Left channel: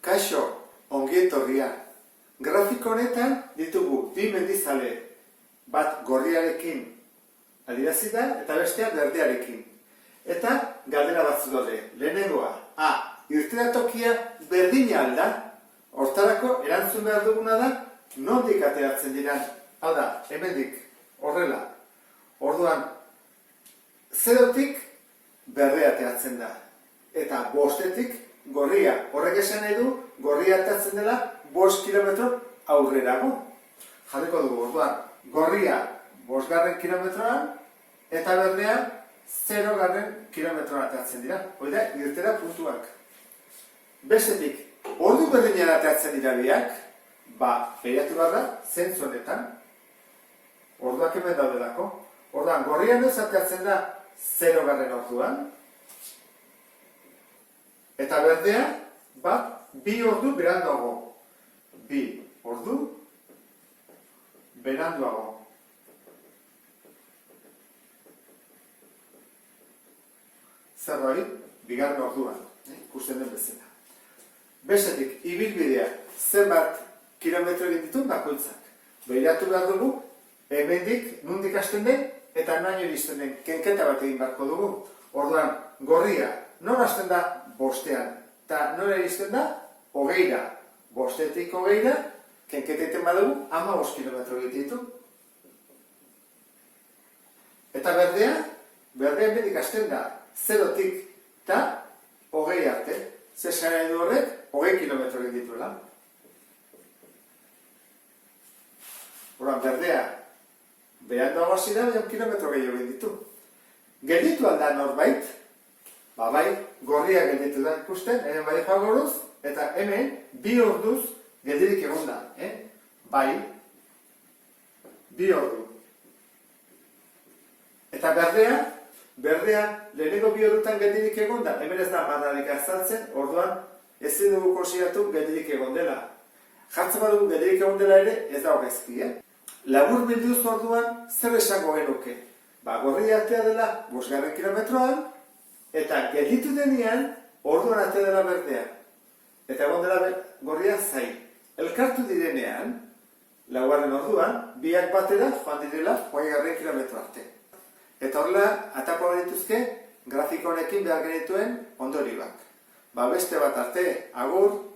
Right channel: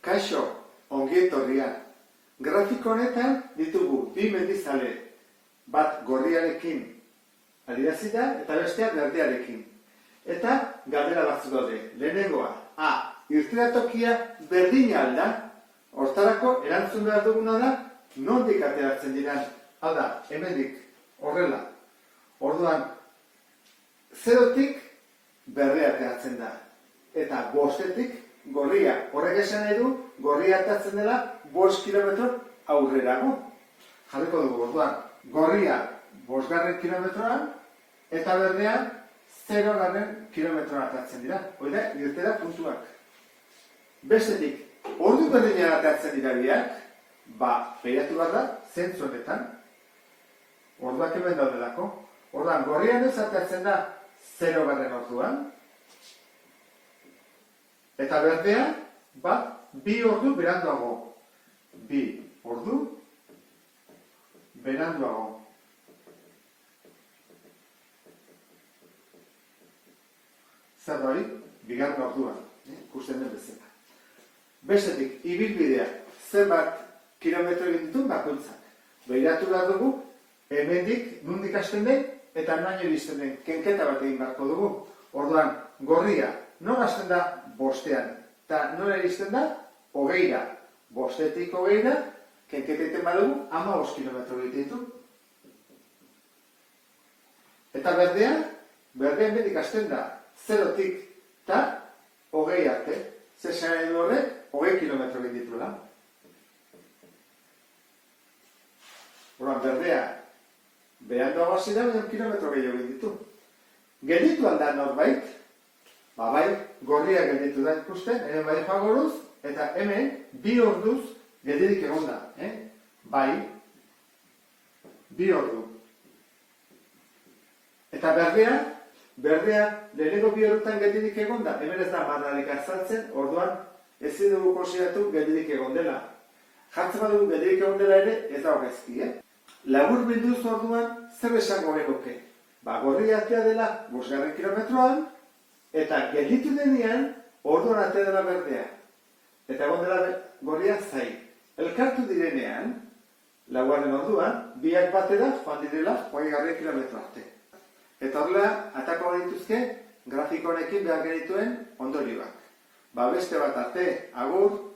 Kaixo, ongi etorria. Grafiko honetan ditugu bi mendizale, bat gorriarekin adierazita eta bestea berdearekin. Eta galdera batzu daude. Lehenengoa, irtenatokia berdina alda, hortarako erantzun behar duguna da, nondik ateratzen diran, alda, hemendik, horrela. Orduan, zerotik berdea ateratzen da, eta bostetik gorria. Horrek esan nahi du, gorria ateratzen dela 5 kilometro aurrerago. Jarriko dugu, orduan, gorria 5 kilometroan, eta berdea 0 kilometroan ateratzen dira. Hoi da, irtera puntuak. Bestetik, ordu berdinean ateratzen dira biak, behiratu behar da, zentzu honetan, orduak hemen daudelako. Orduan, gorrian ez ateratzen da 0 orduan, eta berdea, 2 ordu beranduago. 2 ordu beranduago. Zer hori, 2 orduan, ikusten den bezala. Bestetik, ibilbidea, zenbat kilometro egin ditun bakoitzak. Behiratu behar dugu, hemendik nondik hasten den, eta naino iristen den kenketa bat egin beharko dugu. Orduan, gorria, nor hasten da 5ean, eta nora iristen da 20ra. 5etik 20ra, kenketa egiten badugu, 15 kilometro egiten ditu. Eta berdea hemendik hasten da 0tik eta 20 arte. Zer zara edo horrek, 20 kilometro egin dituela. Orduan, berdea, beranduago hasi da, 1 kilometro gehiago egin ditu. Gelditu alda norbait, bai, gorria gelditu da ikusten, hemen bai jagoruz, eta hemen 2 orduz geldirik egon da. Bai, 2 ordu. Eta berdea lehenengo 2 ordutan geldirik egon da, hemen ez da marrarik azaltzen, orduan ez dugu konsideratu geldirik egon dela. Jartzen badugu geldirik egon dela ere, ez da hogezki, Labur bilduz orduan, zer esango genuke? Gorria atea dela 5 kilometroan, eta gelditu denean, orduan atea dela berdea. Eta egon dela gorria zain. Elkartu direnean, 4 orduan, biak batera joan direla 20 kilometro arte. Eta horrela, atako dituzke, grafiko honekin behar genituen ondorioak. Beste bat arte, agur!